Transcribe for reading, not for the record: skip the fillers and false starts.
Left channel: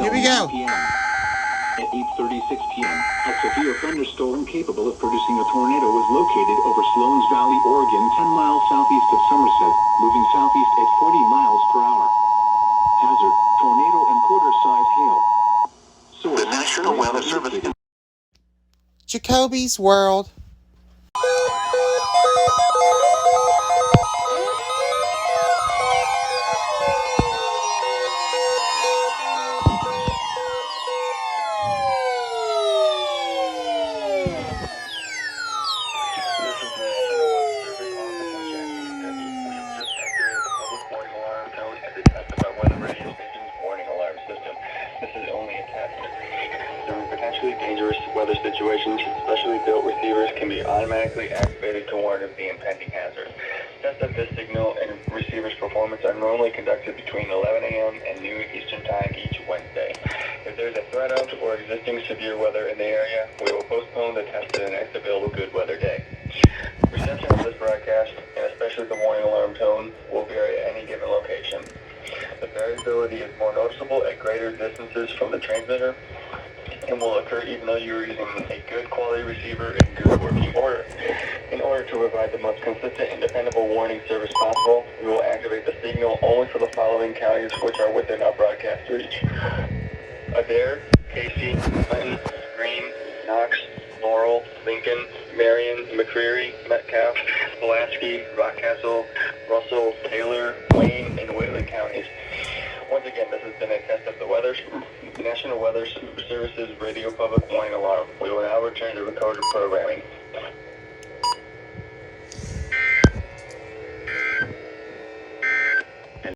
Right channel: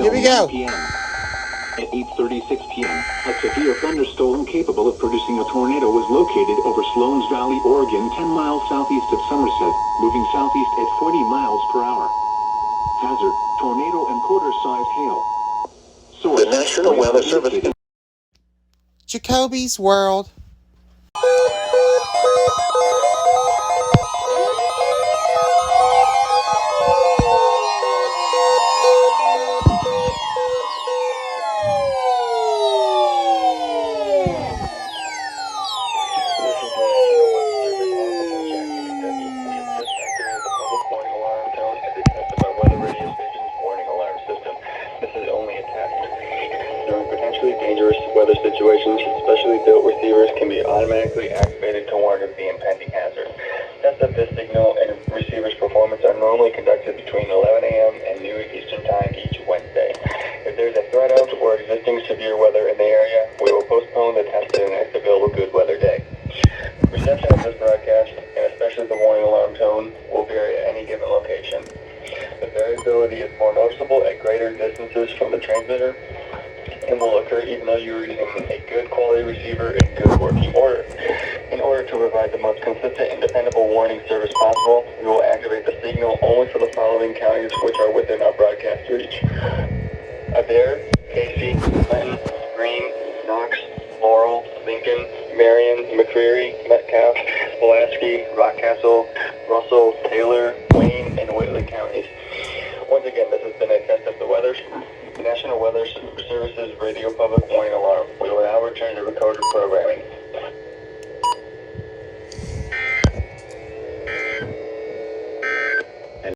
Here we go. At 8:36 p.m., a severe thunderstorm capable of producing a tornado was located over Sloan's Valley, Oregon, 10 miles southeast of Somerset, moving southeast at 40 miles per hour. Hazard, tornado and quarter-sized hail. Source, the National Weather Service. Jacoby's World. During potentially dangerous weather situations, specially built receivers can be automatically activated to warn of the impending hazard. Tests of this signal and receiver's performance are normally conducted between 11 a.m. and noon Eastern Time each Wednesday. If there's a threat of or existing severe weather in the area, we will postpone the test to the next available good weather day. Reception of this broadcast, and especially the warning alarm tone, will vary at any given location. The variability is more noticeable at greater distances from the transmitter and will occur even though you're using a good quality receiver in good working order. In order to provide the most consistent and dependable warning service possible, we will activate the signal only for the following counties which are within our broadcast reach: Adair, Casey, Clinton, Greene, Knox, Laurel, Lincoln, Marion, McCreary, Metcalf, Pulaski, Rockcastle, Russell, Taylor, Wayne, and Whitley counties. Once again, this has been a test of the weather. National Weather Service's radio public warning alarm. We will now return to recorded programming.